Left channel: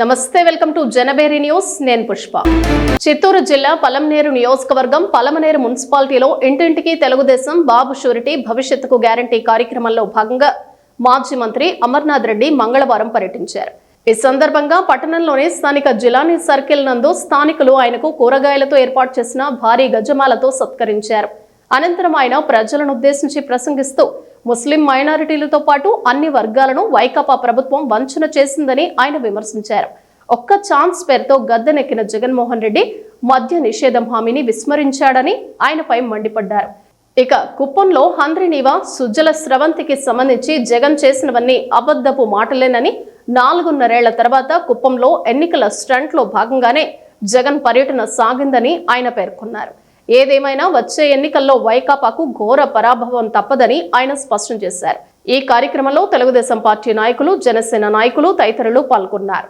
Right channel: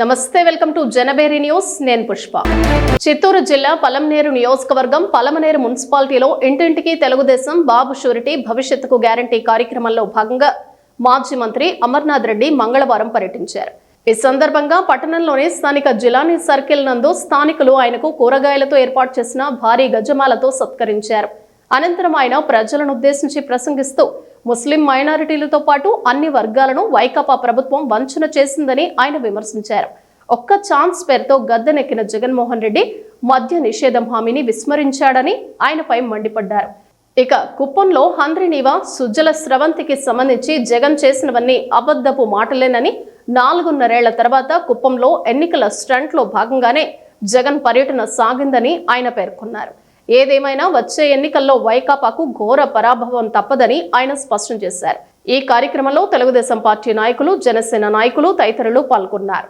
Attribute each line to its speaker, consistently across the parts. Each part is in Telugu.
Speaker 1: నమస్తే వెల్కమ్ టు జనబేరి న్యూస్. నేను పుష్ప. చిత్తూరు జిల్లా పలమనేరు నియోజకవర్గం పలమనేరు మున్సిపాలిటీలో ఇంటింటికి తెలుగుదేశం బాబు షూరిటీ భవిష్యత్తుకు గ్యారంటీ కార్యక్రమంలో భాగంగా మాజీ మంత్రి అమర్నాథ్ రెడ్డి మంగళవారం పర్యటించారు. ఈ సందర్భంగా పట్టణంలోని స్థానిక జిలానీ సర్కిల్ నందు స్థానికులు ఆయనకు కూరగాయలతో ఏర్పాటు చేసిన భారీ గజమాలతో సత్కరించారు. అనంతరం ఆయన ప్రజలను ఉద్దేశించి ప్రసంగిస్తూ ముస్లిం మైనారిటీలతో పాటు అన్ని వర్గాలను వైకాపా ప్రభుత్వం వంచన చేసిందని ఆయన విమర్శించారు. ఒక్క ఛాన్స్ పేరుతో గద్దెనెక్కిన జగన్మోహన్ రెడ్డి మద్య నిషేధం హామీని విస్మరించాడని ఆయనపై మండిపడ్డారు. ఇక కుప్పంలో హంద్రినీవా సుజ్జల స్రవంతికి సంబంధించి జగన్ చేసినవన్నీ అబద్ధపు మాటలేనని నాలుగున్నరేళ్ళ తర్వాత కుప్పంలో ఎన్నికల స్టంట్లో భాగంగానే జగన్ పర్యటన సాగిందని ఆయన పేర్కొన్నారు. ఏదేమైనా వచ్చే ఎన్నికల్లో వైకాపాకు ఘోర పరాభవం తప్పదని ఆయన స్పష్టం చేశారు. ఈ కార్యక్రమంలో తెలుగుదేశం పార్టీ నాయకులు జనసేన నాయకులు తదితరులు పాల్గొన్నారు.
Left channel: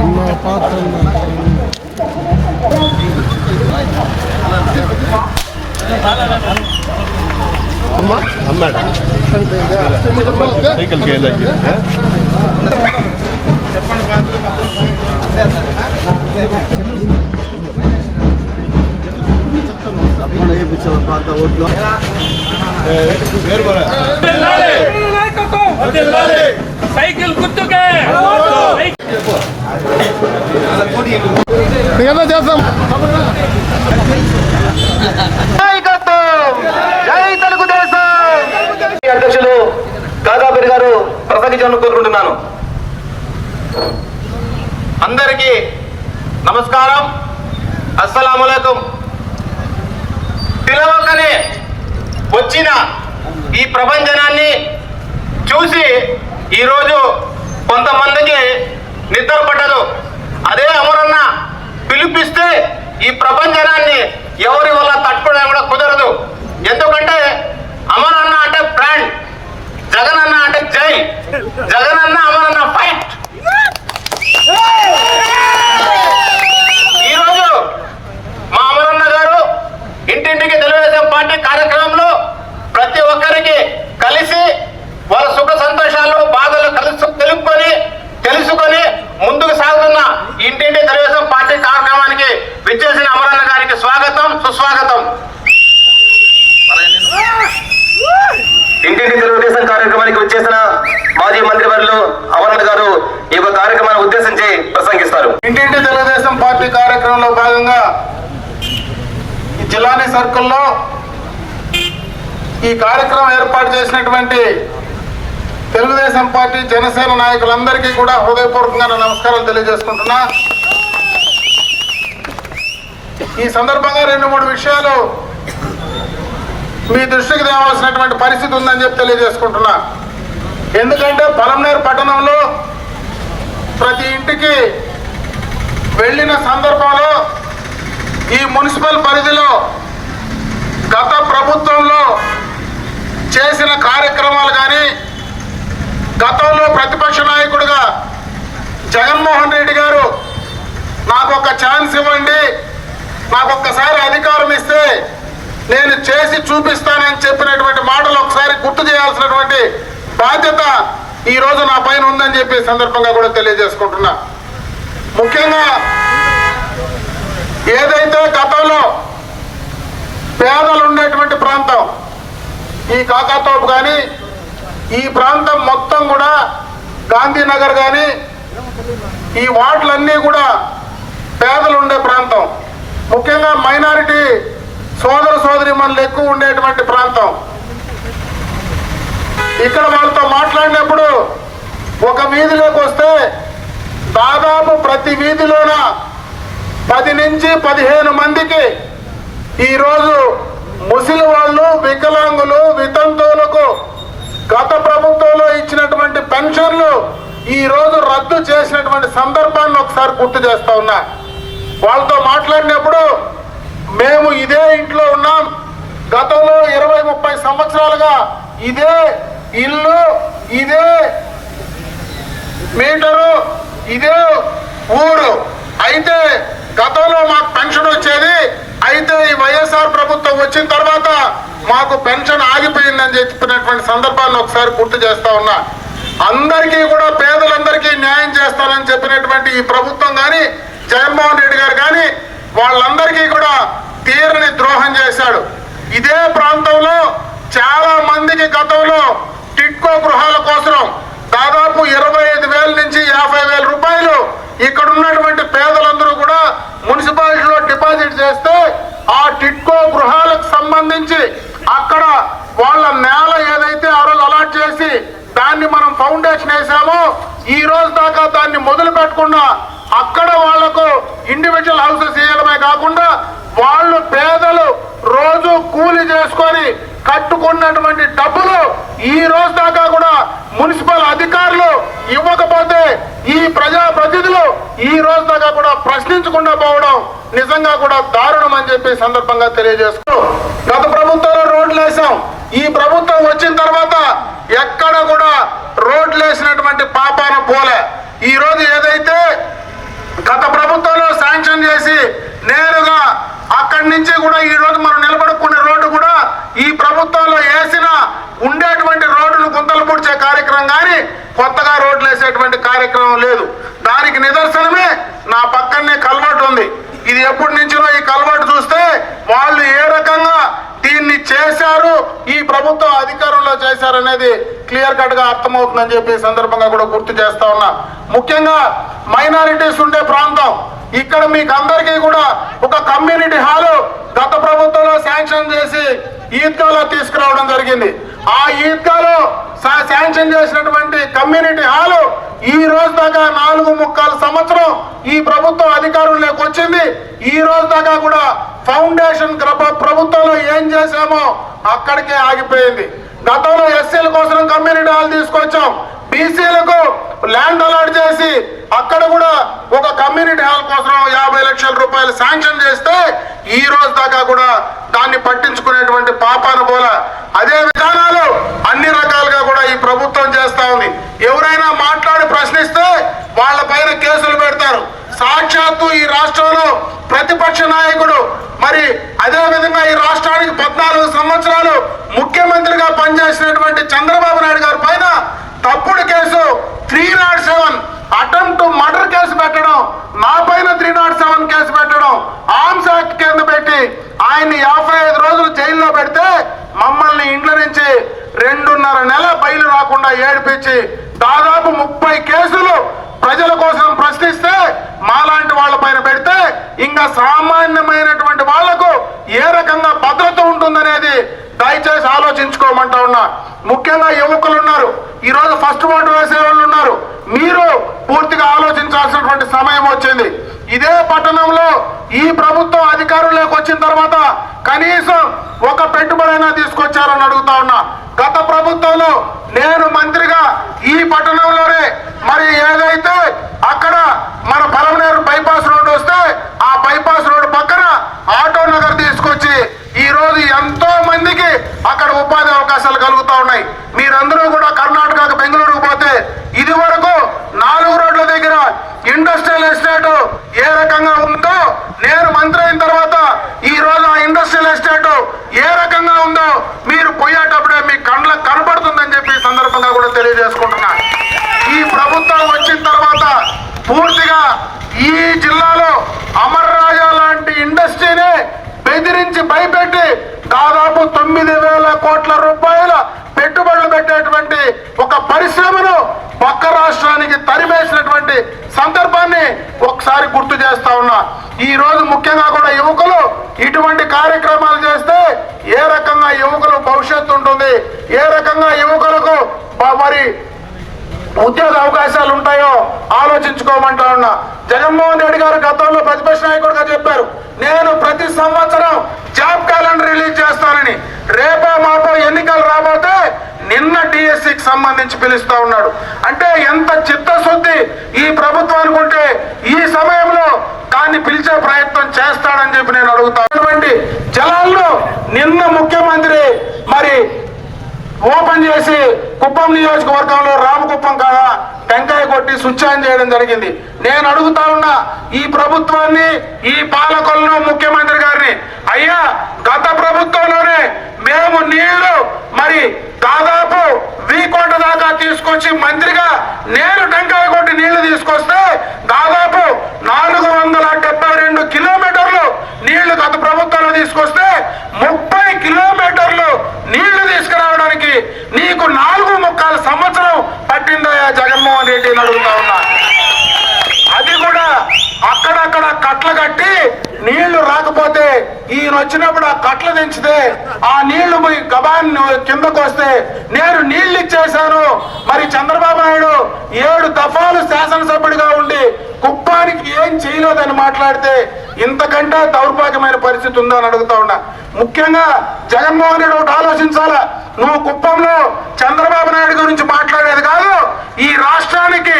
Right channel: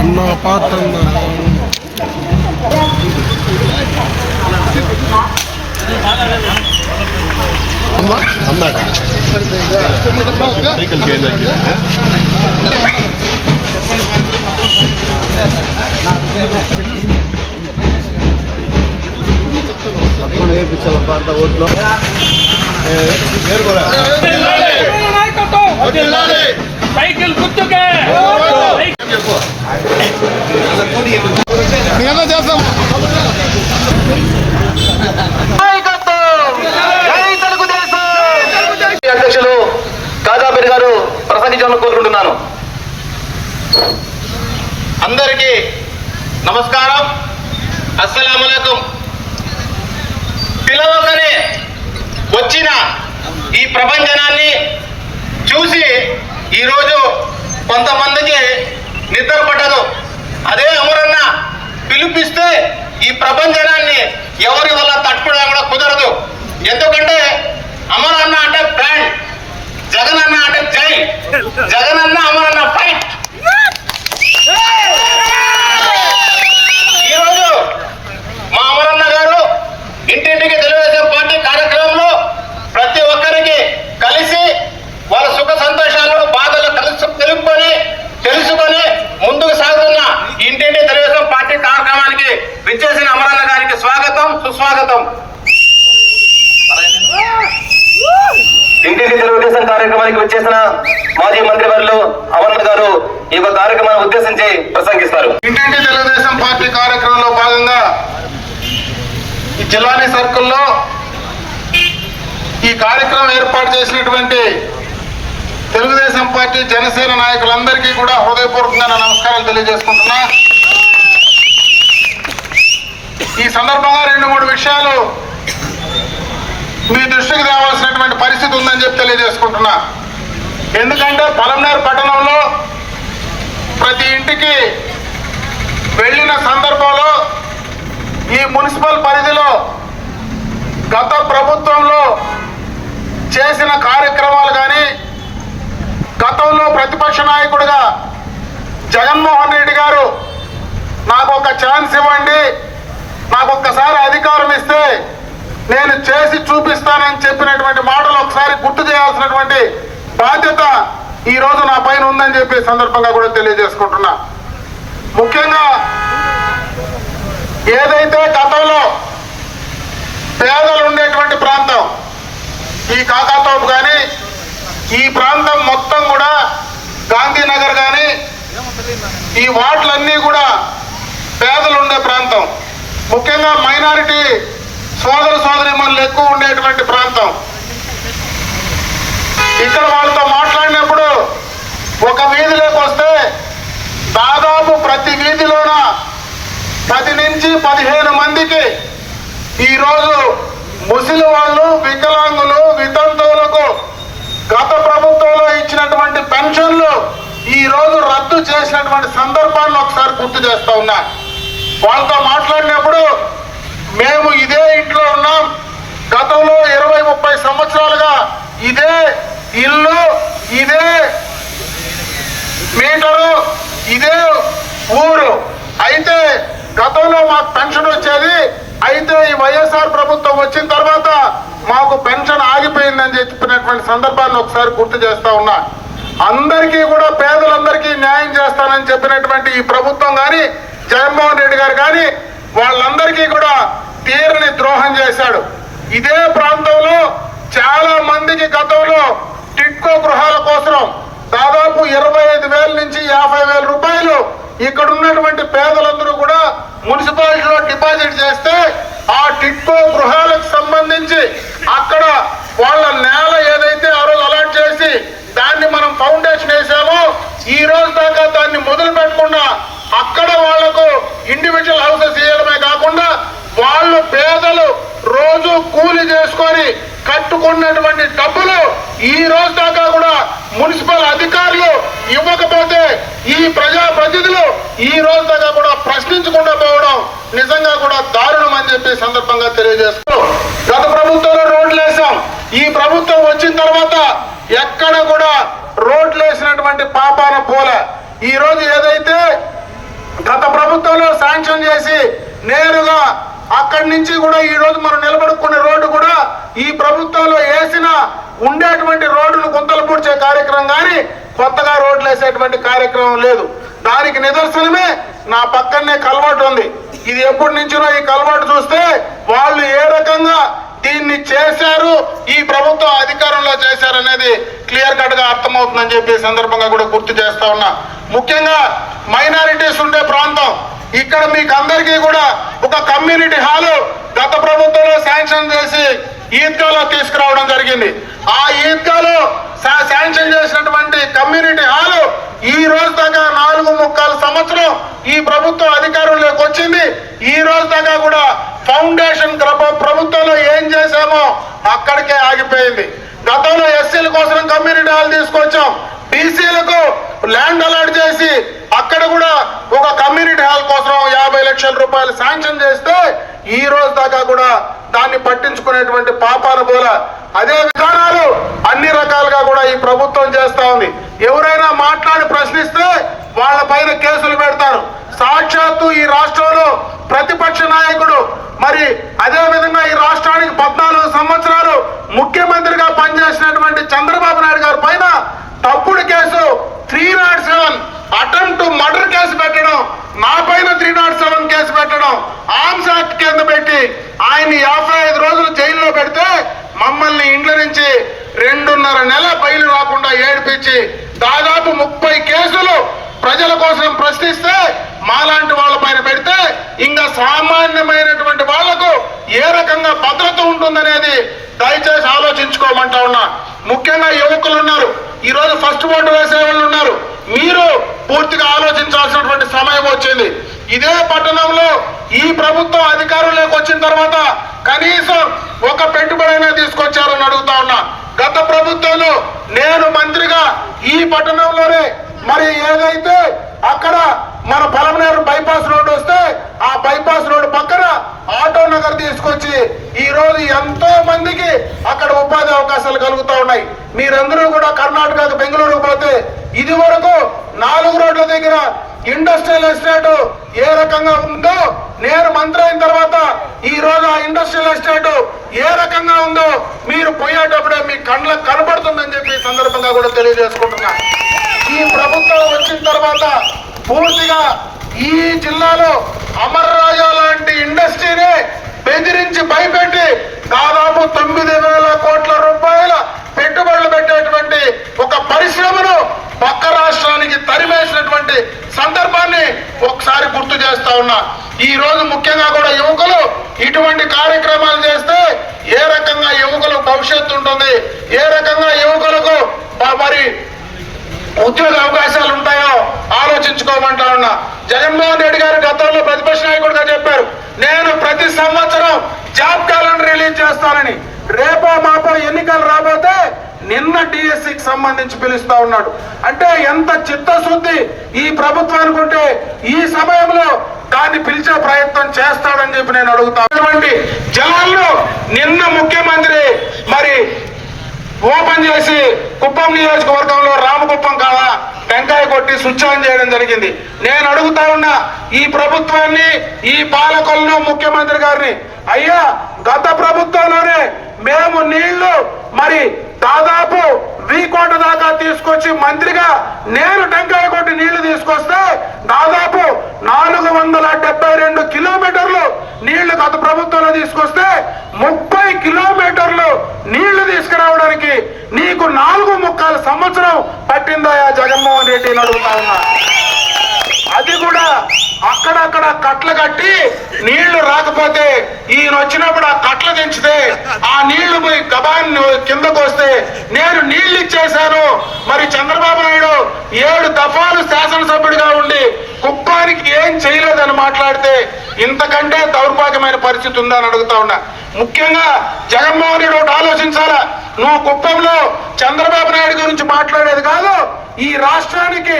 Speaker 2: అన్న అమ్మా అమ్మాడా
Speaker 3: సైకిల్ గుర్తుకే
Speaker 2: ఏదో చేస్తాం
Speaker 4: అధ్యక్షులు తాజాపేరు గారు ప్రసంగించాలని కోరుకుంటున్నాను. అందరికీ నమస్కారం. అస్సలాములైకుం పిలవకనే వచ్చిన ఈ ప్రపంచనాన్ని చూసి ఈరోజు కొంతమందికి నిద్ర పట్టదు. అదే అమరన్న పిలిపిస్తే ఈ ప్రపంచనాన్ని ఎవరి వల్ల తట్టుకోవడం కూడా కుదరదు. ఎందుకంటే అమరన్న అంటే బ్రాండ్ జగనన్న అంటే జై జగనన్న అమరన్న ఫైట్ ఈరోజు మా అమరన్న గారు ఇంటింటికి తెలుగుదేశం పార్టీ కార్యక్రమంలో ప్రతి ఒక్కరికి కలిసి వాళ్ళ సుఖ సంతోషాలు బాధలు కలిసి తెలుపుకొని తెలుసుకొని ముందుకు సాగుతున్న ఇంటింటి తెలుగుదేశం పార్టీ కార్యక్రమానికి విచ్చేసిన అమరన్న గారికి స్వాగతం సుస్వాగతం ఇంటింటి తెలుగుదేశం కార్యక్రమానికి వచ్చేసిన మాజీ మంత్రివర్యులు అమరన్న గారు ఈ యొక్క కార్యక్రమాన్ని ఉద్దేశించి ప్రసంగిస్తారు.
Speaker 2: ఇంటింటి తెలుగుదేశం పార్టీ కార్యక్రమంలో భాగంగా ఈ జిల్లాని సర్కుల్లో ఈ కార్యక్రమం ఏర్పాటు చేసినటువంటి తెలుగుదేశం పార్టీ జనసేన నాయకులందరికీ కూడా హృదయపూర్వకంగా నమస్కారం నమస్కారాలు తెలియజేసుకుంటున్నా. ఈ సందర్భంగా రెండు మూడు విషయాలు మీ దృష్టికి తేవాల్సినటువంటి పరిస్థితి ఉందని చెప్పి తెలియజేసుకుంటున్నా. ఎందుకంటే పలంనేరు పట్టణంలో ప్రతి ఇంటికి వెళ్ళిన సందర్భంలో ఈ మున్సిపల్ పరిధిలో గత ప్రభుత్వంలో చేసిన కార్యక్రమాలు కానీ గతంలో ప్రతిపక్ష నాయకుడిగా జగన్మోహన్ రెడ్డి గారు నాకు ఒక ఛాన్స్ ఇవ్వండి నాకు ఒక్కసారి అధికారం ఇస్తే నేను చేసి చూపిస్తానని చెప్పినటువంటి మాటలు ఒకసారి గుర్తు చేయాల్సినటువంటి బాధ్యత ఈ రోజు నా పైన ఉందని చెప్పి సందర్భంగా కూడా తెలియజేసుకుంటున్నా. ముఖ్యంగా ఏదైతే గతంలో పేదలు ఉండేటువంటి ప్రాంతం ఈ కాకాతోపు కానీ ఈ ప్రాంతం మొత్తం కూడా గాంధీనగర్ కానీ ఈ వార్డులన్నీ కూడా పేదలు ఉండే ప్రాంతం. ముఖ్యంగా మైనారిటీ సోదర సోదరి మనలు ఎక్కువ ఉండేటువంటి ప్రాంతం. ఇక్కడ వాళ్ళతో మాట్లాడినప్పుడు ఒక వీధిలోకి వస్తే దాదాపు ప్రతి వీధిలోన పది నుంచి పదిహేను మందికి ఈరోజు ముసలి వాళ్ళు వికలాంగులు వితంతువులకు గత ప్రభుత్వంలో ఇచ్చినటువంటి పెన్షన్లు ఈరోజు రద్దు చేసినటువంటి సందర్భాన్ని ఒకసారి గుర్తు చేస్తా ఉన్నా. వాళ్ళతో మాట్లాడినప్పుడు మేము ఇదే ఇంట్లో ఉన్నాం. గతంలో ఇరవై ముప్పై సంవత్సరాలుగా ఇదే ఇల్లు ఇదే మీటరు ఇదే ఊరు. అయితే గతంలో మాకు పెన్షన్ వచ్చేది. అయితే ఈ వైఎస్ఆర్ ప్రభుత్వం వచ్చిన తర్వాత మాకు పెన్షన్ ఆగిపోయిందని చెప్పినటువంటి సందర్భాన్ని ఒకసారి గుర్తు చేస్తా ఉన్నా. అందరికీ కూడా పేదలందరికీ న్యాయం చేస్తానని చెప్పినటువంటి ఈ ప్రభుత్వం కానీ జగన్మోహన్ రెడ్డి గారు కానీ వాళ్ళందరికీ కూడా తీరని ద్రోహం చేశాడు. ఇదే ప్రాంతంలో చాలా మందికి గతంలో టిక్కో గృహాల కోసం దాదాపు ఇరవై ఐదు వేల నుంచి యాభై వేల రూపాయలు ఇక్కడ ఉన్నటువంటి పేదలందరూ కూడా మున్సిపాలిటీలో డిపాజిట్ చేస్తే ఆ టిక్కో గృహాలకు సంబంధించి అక్కడ వాళ్ళ నేల ఏదైతే ఆ రోజు అలాట్ చేసి దాన్ని మనం ఫౌండేషన్ వేసామో ఈ రోజు దాకా దాన్ని మొదలు పెట్టకుండా అక్కడ వాళ్ళకు ఇండివిజువల్ హౌసెస్ ఇవ్వడమే కాకుండా వాళ్ళు పేదలు రోజు కూలి చేసుకొని కట్టుకున్నటువంటి డబ్బులు ఈ రోజు దాకా కూడా మున్సిపల్ అధికారులు ఇవ్వకపోతే ఈ ప్రజా ప్రతినిధులు ఈ రోజు దాకా కూడా ప్రశ్నించకుండా పోవడం నిజంగా కూడా దారుణం అని చెప్పి సందర్భంగా తెలియజేస్తూ గత ప్రభుత్వంలో రోడ్లు వేసాం ఈ ప్రభుత్వం వచ్చిన తర్వాత ఎక్కడ కూడా రోడ్లు వేసినటువంటి పాపాన పోలే. ఈ రోజు ఏదైతే గత ప్రభుత్వంలో శాంక్షన్ చేసి నేరుగా అక్కడి నుంచి కూడా ఈ రోజు మనం నిలబడుకున్న రోడ్డు కూడా ఈ ప్రభుత్వంలో వేసిన ఉండేటువంటి రోడ్డును గుంతలు పూడ్చే కార్యక్రమం కానీ కొత్తగా రోడ్లు వేసేటువంటి కార్యక్రమం లేదు. దానికి నిదర్శనమే నా పక్కనే కలవాటు ఉంది. ఇది ఎప్పటి నుంచినో ఈ కలవాటు చూస్తే వాళ్ళు ఏ రకంగా దీన్ని చేశారు ఈ ప్రభుత్వం అధికారంలో చేశారు అనేది క్లియర్ కట్గా అర్థమవుతుందని చెప్పి సందర్భంగా కూడా గుర్తు చేస్తా ఉన్నా. ముఖ్యంగా మైనారిటీస్ ఉండే ప్రాంతం. ఇక్కడ మీకు అందరికీ కూడా ఒక కమ్యూనిటీ హాలు గత ప్రభుత్వంలో శాంక్షన్ చేసి ఈద్గాలో తీసుకురావడం జరిగింది. ఆ ఈద్గాలో శాంక్షన్ చేసినటువంటి కమ్యూనిటీ హాలు ఈ రోజు దాకా నాలుగు ముక్కలు సంవత్సరం ఈ ప్రభుత్వం అధికారంలోకి వచ్చింది. ఈ రోజు దాకా కూడా ఫౌండేషన్ ప్రభుత్వంలో ఏం చేశామో అక్కడికే ఆగిపోయింది. గతంలో ఎస్సీల కోసం కమ్యూనిటీ హాల్ తీసుకొచ్చాం. బీసీలకు ల్యాండ్ అలాట్ చేసి అక్కడ కూడా ఒక కమ్యూనిటీ హాల్ కోసం యాభై లక్షల రూపాయలు శాంక్షన్ చేస్తే ఈ రోజు దాకా కూడా దాన్ని పట్టించుకునేటువంటి పాపాన పోల. అదే విధానాలు అన్ని రకాలుగా కూడా ఈ ప్రభుత్వం చేస్తా ఉంది. ఎవరైనా మాట్లాడి ప్రశ్నిస్తే వాళ్ళ పైన కేసులు పెడతారు. సాక్షాత్తు ఈ రాష్ట్రంలో ప్రతిపక్ష నాయకుడు మరి అదే విధంగా ఈ రాష్ట్రానికి పద్నాలుగు సంవత్సరాలు ముఖ్యమంత్రిగా పనిచేసినటువంటి చంద్రబాబు నాయుడు గారి పైన తప్పుడు case three not seven. Attempt murder case పెట్టడం నా పైన త్రీ నాట్ సెవెన్ కేసు పెట్టడం ఆర్మ్స్ యాక్ట్ కింద పెట్టి ఆయన యాభై ఐదు రోజులు జైల్లో పెడితే మమ్మల్ని ఇండ్ల నుంచి రెండున్నర నెల బయలు రాకుండా ఏడిపించి దాదాపు ముప్పై కేసులు ప్రజల కోసం ప్రశ్నిస్తే మాలాంటి వాళ్ళ పైన పెడితే ఇంకా సామాన్యమైనటువంటి వాళ్ళకు ఏ రకంగా భద్రత ఉంటుందనేది దయచేసి ఆలోచించుకోమంటా ఉన్నా. ముఖ్యంగా యువకులు ఉన్నారు. ఈరోజు ఫస్ట్ ఓటు వేసే వాళ్ళు ఉన్నారు. మీరు పూర్తిగా ఆలోచించాల్సినటువంటి సమయం వచ్చింది. ఇదే పట్టణంలో ఈ ప్రభుత్వం అధికారంలోకి వచ్చిన తర్వాత కనీసం ఒక పెట్టుబడైనా తీసుకొచ్చారని అడుగుతా ఉన్నా. గత ప్రభుత్వంలో నేను మంత్రిగా ఈ పట్టణంలోనే మరి ఏదైతే అక్కడ మన పలమనేరు బైపాస్ రోడ్డు వస్తే ఆ బైపాస్ రోడ్డు పక్కన ఆటో నగర్ తీసుకొచ్చి ఈ రోజు ఎంతో మందికి అక్కడ ఉపాధి అవకాశాలు కలుగుతూ ఉన్నాయి. మీరందరూ కూడా కర్ణాటకకు బెంగళూరుకు పోతే ఇది వరకు నాలుగు రోడ్ల దగ్గర ఇండస్ట్రియల్ ఎస్టేట్ ఏ రకంగా ఉందో నేను మంత్రి అయిన తర్వాత ఈ రోజు ఆ ఇండస్ట్రియల్ ఎస్టేట్ ఏ రకంగా ఉందో మీరు పోయేటప్పుడే మీ కళ్ళకు కనబడుతుందని చెప్పి సందర్భంగా కూడా తెలియజేసుకుంటున్నా. ఈ ప్రభుత్వం వచ్చిన తర్వాత పూర్తిగా ఈ జిల్లాలో అమర్ రాజా లాంటి ఇండస్ట్రీని బెదిరించి భయపెట్టి దాదాపు తొమ్మిది వేల కోట్ల రూపాయల పెట్టుబడులు పెట్టేటువంటి ఒక పరిశ్రమను పక్క రాష్ట్రానికి తరిమేసినటువంటి సందర్భాన్ని ఒకసారి గుర్తు చేస్తా ఉన్నా. ఈ రోజు ముఖ్యంగా కూడా యువకులు ఇటువంటి కార్యక్రమాలు చేస్తే ఏ రకంగా యువకులకు భవిష్యత్తు ఉంటుంది? ఏ రకంగా యువకులకు మరి ఉద్యోగ అవకాశాలు ఉంటాయో ఆలోచించుకోమంటా ఉన్నా. జగన్మోహన్ రెడ్డి గారు గతంలో ప్రతిపక్ష నాయకుడిగా చెప్పారు నేను ప్రతి సంవత్సరం జాబ్ క్యాలెండర్ రిలీజ్ చేస్తానని. రేపో మాపో ఎన్నికలు రాబోతే నిన్న టీఎస్సీకి సంబంధించి పిలుస్తా ఉన్నాడు. అంటే ఎంత చిత్తశుద్ధి ఈ ప్రభుత్వానికి ఉంటే ఈ సమయంలో దాన్ని పిలిచే ప్రయత్నం చేస్తాడని చెప్పి నేను అడుగుతాను జనాల్లో నిన్న ముఖ్యమంత్రి మరి ఓపెన్ చేసి కుప్పం నియోజకవర్గంలో రామకుప్పం కాదా టెంకాయ కొట్టి పెట్టి స్విచ్ ఆన్ చేయడం జరిగింది. నేను అడుగుతా ఉన్నా ఈ ప్రభుత్వాన్ని ఈ పాలకులను ముఖ్యమంత్రి గారిని అయ్యా గత ప్రభుత్వంలోనే మేము నీళ్ళు మరి దాదాపు వీకోట దాకా తీసుకొచ్చి మంత్రిగా నేను టెంకాయ కొట్టి నీళ్ళు తీసుకొస్తే దాదాపు నాలుగు వందల డెబ్బై రెండు కిలోమీటర్ నీళ్ళు గత ప్రభుత్వంలో తీసుకొస్తే ముప్పై కిలోమీటర్లు నీళ్ళు తీసుకురావడానికి నీకు నాలుగు ముక్కల సంవత్సరం పట్టిందయా జగన్మోహన్ రెడ్డి అడుగుతా ఉన్నా. అది కూడా అక్కడక్కడ కట్ల కట్టి నీళ్ళు రాకపోతే ఈయన వచ్చినప్పుడు ఆ కట్ల దించితే ఆ నీళ్ళు పోయి గబాన్ని కిందకు వస్తే నేను నీళ్ళు ఇచ్చేశాను. మరి చంద్రబాబు నాయుడు ఏడు దఫాలు శాసనసభ్యుడిగా ఉండి కుప్పానికి ఏం చేయలేదని మాట్లాడితే ఇంతకంటే దౌర్భాగ్యమైన పరిస్థితి ఉందని అడుగుతా ఉన్నా. ముఖ్యంగా జగన్మోహన్ రెడ్డి ఒకటి ఆలోచించాలా? నువ్వు కుప్పంలో చంద్రబాబు నాయుడు గురించి మాట్లాడేది కాదు ఈ రాష్ట్రానికి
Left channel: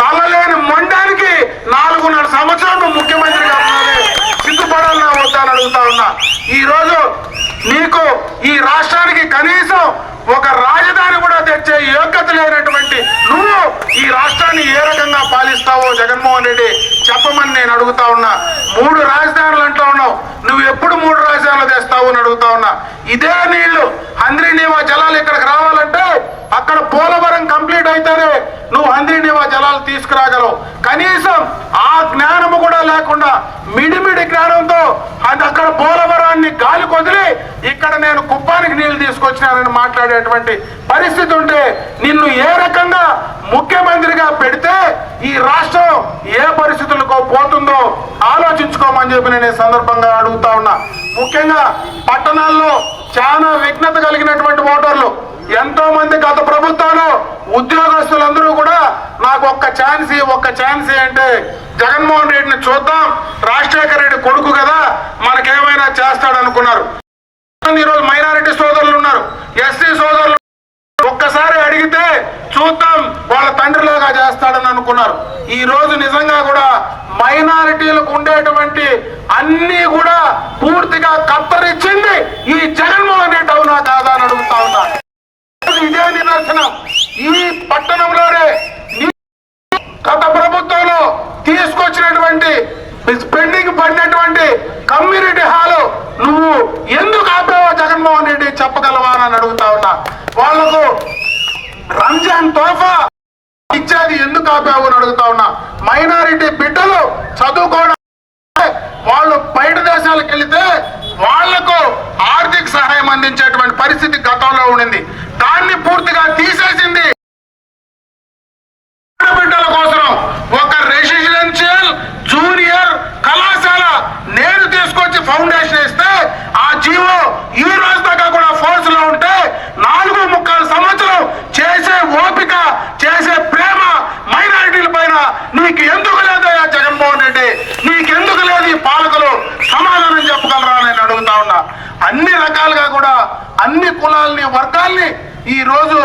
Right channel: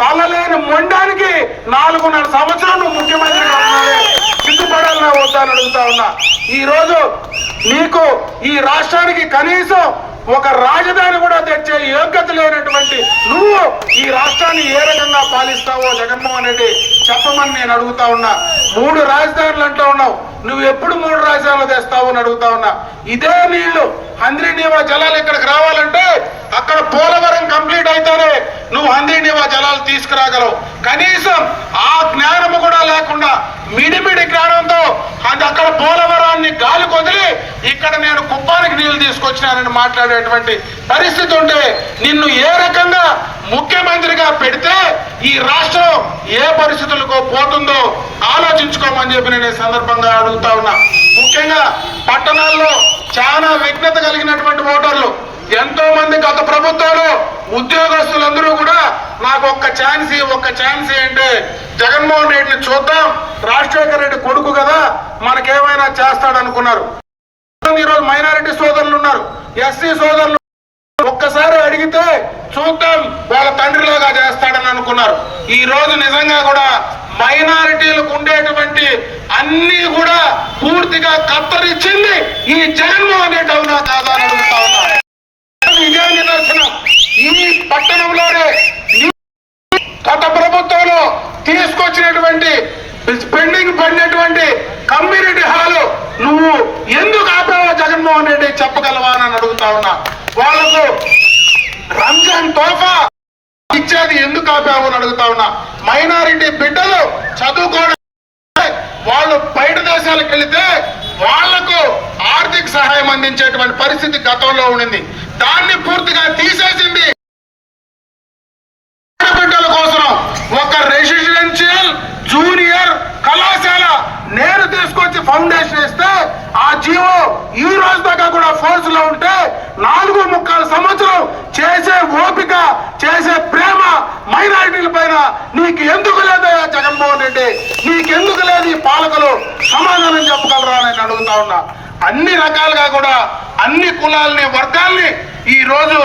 Speaker 2: తలలేని మొండానికి నాలుగున్నర సంవత్సరాలు ముఖ్యమంత్రిగా ఉన్నది. సిగ్గుపడాలని వద్దని అడుగుతా ఉన్నా. ఈరోజు నీకు ఈ రాష్ట్రానికి కనీసం ఒక రాజధాని కూడా తెచ్చే యోగ్యత లేనటువంటి నువ్వు ఈ రాష్ట్రాన్ని ఏ రకంగా పాలిస్తావో జగన్మోహన్ రెడ్డి చెప్పమని నేను అడుగుతా ఉన్నా. మూడు రాజధానులు అంటూ ఉన్నావు. నువ్వు ఎప్పుడు మూడు రాజధానులు తెస్తావు అని అడుగుతా ఉన్నా. ఇదే నీళ్ళు హంద్రీనీవా జలాలు ఇక్కడికి రావాలంటే అక్కడ పోలవరం కంప్లీట్ అయితేనే నువ్వు హంద్రీనీవా జలాలు తీసుకురాగలవు. కనీసం ఆ జ్ఞానము కూడా లేకుండా మిడిమిడి జ్ఞానంతో అది అక్కడ పోలవరాన్ని గాలి కొదిలి ఇక్కడ నేను కుప్పానికి నీళ్ళు తీసుకొచ్చినానని మాట్లాడేటువంటి పరిస్థితి ఉంటే నిన్ను ఏ రకంగా ముఖ్యమంత్రిగా పెడితే ఈ రాష్ట్రం ఏ పరిస్థితులకు పోతుందో ఆలోచించుకోమని చెప్పి నేను ఈ సందర్భంగా అడుగుతా ఉన్నా. ముఖ్యంగా పట్టణాల్లో చాలా విఘ్నత కలిగినటువంటి ఓటర్లు ఎంతో మంది గత ప్రభుత్వంలో ఉద్యోగస్తులందరూ కూడా నాకు ఒక్క ఛాన్స్ ఒక్క ఛాన్స్ అంటే జగన్మోహన్ రెడ్డిని చూద్దాం. రాజశేఖర రెడ్డి కొడుకు కదా మనకేమైనా చేస్తాడు అనుకున్నారు ఈరోజు మైనారిటీ సోదరులు ఉన్నారు. ఎస్సీ సోదరులు ఒక్కసారి అడిగితే చూద్దాం వాళ్ళ తండ్రిలాగా చేస్తాడని అనుకున్నారు. ఈ రోజు నిజంగా కూడా మైనారిటీలకు ఉండేటువంటి అన్ని కూడా పూర్తిగా కత్తరిచ్చింది ఈ జగన్మోహన్ రెడ్డి అవునా కాదా అని అడుగుతా ఉన్నా ఇదే నిదర్శనం. ఈ పట్టణంలోనే గత ప్రభుత్వంలో తీసుకొచ్చినటువంటి పెండింగ్ పడినటువంటి కమ్యూనిటీ హాల్ నువ్వు ఎందుకు ఆపావో జగన్మోహన్ రెడ్డి చెప్పగలవా అని అడుగుతా ఉన్నా. వాళ్ళకు రంజాన్ తోఫా ఇచ్చేది ఎందుకు ఆపావు అని అడుగుతా ఉన్నా. మైనారిటీ బిడ్డలు చదువుకోవడం వాళ్ళు బయట దేశాలకు వెళితే వాళ్ళకు ఆర్థిక సహాయం అందించేటువంటి పరిస్థితి గతంలో ఉండింది. దాన్ని పూర్తిగా తీసేసింది. బిడ్డల కోసం ఒక రెసిడెన్షియల్ జూనియర్ కళాశాల నేను తీసుకొచ్చి ఫౌండేషన్ ఇస్తే ఆ జీవో ఈ రోజు దాకా కూడా ఫోర్స్లో ఉంటే నాలుగు ముక్కాలు సంవత్సరం చేసే ఓపిక చేసే ప్రేమ మైనారిటీల పైన నీకు ఎందుకు లేదా జగన్మోహన్ రెడ్డి? ఎందుకు లేదు ఈ పాలకులు సమాధానం చెప్పగలరా నేను అడుగుతా ఉన్నా. అన్ని రకాలుగా కూడా అన్ని కులాల్ని వర్గాల్ని ఈ రోజు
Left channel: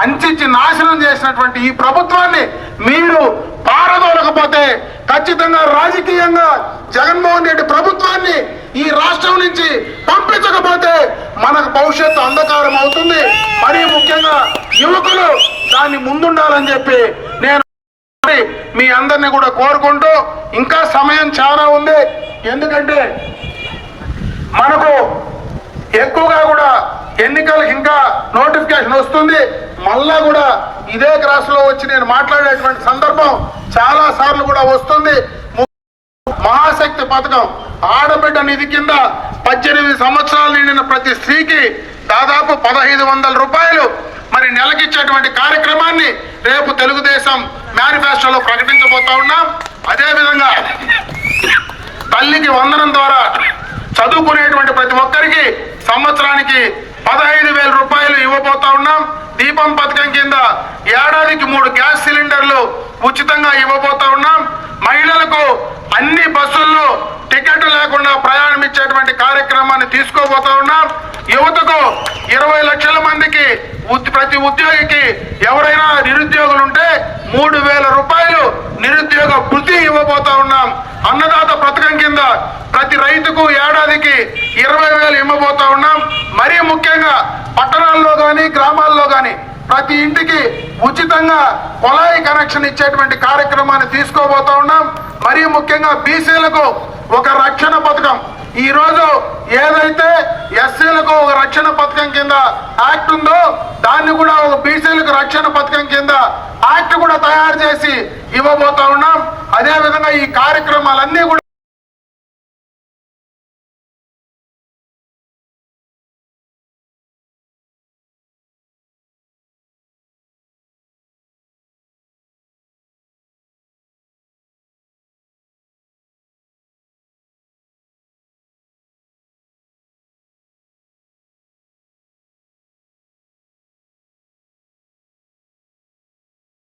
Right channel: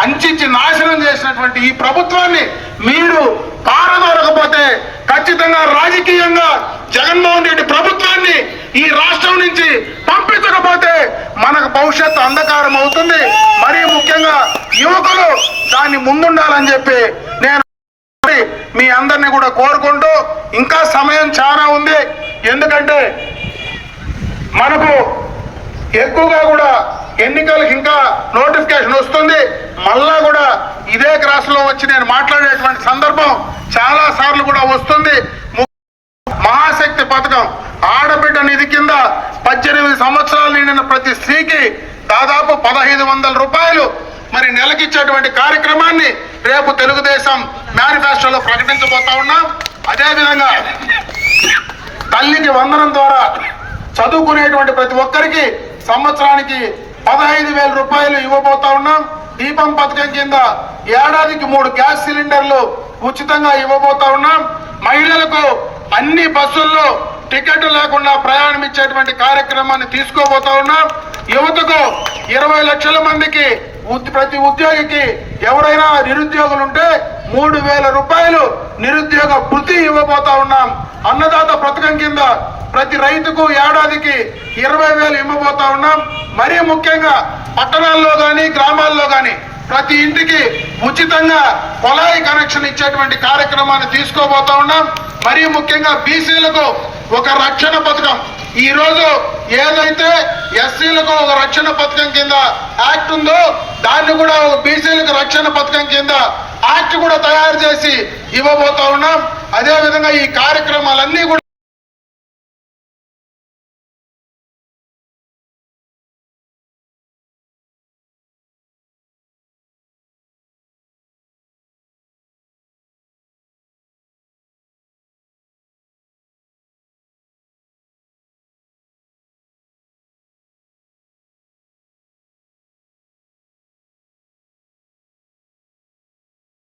Speaker 2: అంచించి నాశనం చేసినటువంటి ఈ ప్రభుత్వాన్ని మీరు పారదోలకపోతే ఖచ్చితంగా రాజకీయంగా జగన్మోహన్ రెడ్డి ప్రభుత్వాన్ని ఈ రాష్ట్రం నుంచి పంపించకపోతే మనకు భవిష్యత్తు అంధకారం అవుతుంది. మరీ ముఖ్యంగా యువకులు దాన్ని ముందుండాలని చెప్పి నేను మీ అందరినీ కూడా కోరుకుంటూ ఇంకా సమయం చాలా ఉంది. ఎందుకంటే మనకు ఎక్కువగా కూడా ఎన్నికలకు ఇంకా నోటిఫికేషన్ వస్తుంది. మళ్ళా కూడా ఇదే క్రాస్లో వచ్చి నేను మాట్లాడేటువంటి సందర్భం చాలా సార్లు కూడా వస్తుంది. మహాశక్తి పథకం ఆడబిడ్డ నిధి కింద పద్దెనిమిది సంవత్సరాలు నిండిన ప్రతి స్త్రీకి దాదాపు పదహైదు వందల రూపాయలు మరి నెలకిచ్చేటువంటి కార్యక్రమాన్ని రేపు తెలుగుదేశం మేనిఫెస్టోలో ప్రకటించబోతా ఉన్నాం. అదేవిధంగా తల్లికి వందనం ద్వారా చదువుకునేటువంటి ప్రతి ఒక్కరికి సంవత్సరానికి పదహైదు వేల రూపాయలు ఇవ్వబోతా ఉన్నాం. దీపం పథకం కింద ఏడాదికి మూడు గ్యాస్ సిలిండర్లు ఉచితంగా ఇవ్వబోతా ఉన్నాం. మహిళలకు అన్ని బస్సుల్లో టికెట్ లేకుండా ప్రయాణం ఇచ్చేటువంటి కార్యక్రమాన్ని తీసుకోబోతా ఉన్నాం. యువతకు ఇరవై లక్షల మందికి ప్రతి ఉద్యోగికి ఎవరైనా నిరుద్యోగులు ఉంటే మూడు వేల రూపాయలు నిరుద్యోగ వృత్తి ఇవ్వబోతా ఉన్నాం. అన్నదాత పథకం కింద ప్రతి రైతుకు ఏడాదికి ఇరవై వేలు ఇవ్వబోతా ఉన్నాం. మరీ ముఖ్యంగా పట్టణాల్లో కానీ గ్రామాల్లో కానీ ప్రతి ఇంటికి ఉచితంగా కొలాయి కనెక్షన్ ఇచ్చేటువంటి కార్యక్రమాన్ని తీసుకోబోతా ఉన్నాం. మరీ ముఖ్యంగా బీసీలకు ఒక రక్షణ పథకం. ఈరోజు ఏదైతే ఎస్సీలకు ఒక రక్షణ పథకం కింద యాక్ట్ ఉందో దాన్ని కూడా ఒక బీసీలకు రక్షణ పథకం కింద యాక్ట్ కూడా తయారు చేసి ఇవ్వబోతా ఉన్నాం. అదే విధంగా ఈ కార్యక్రమాలన్నీ కూడా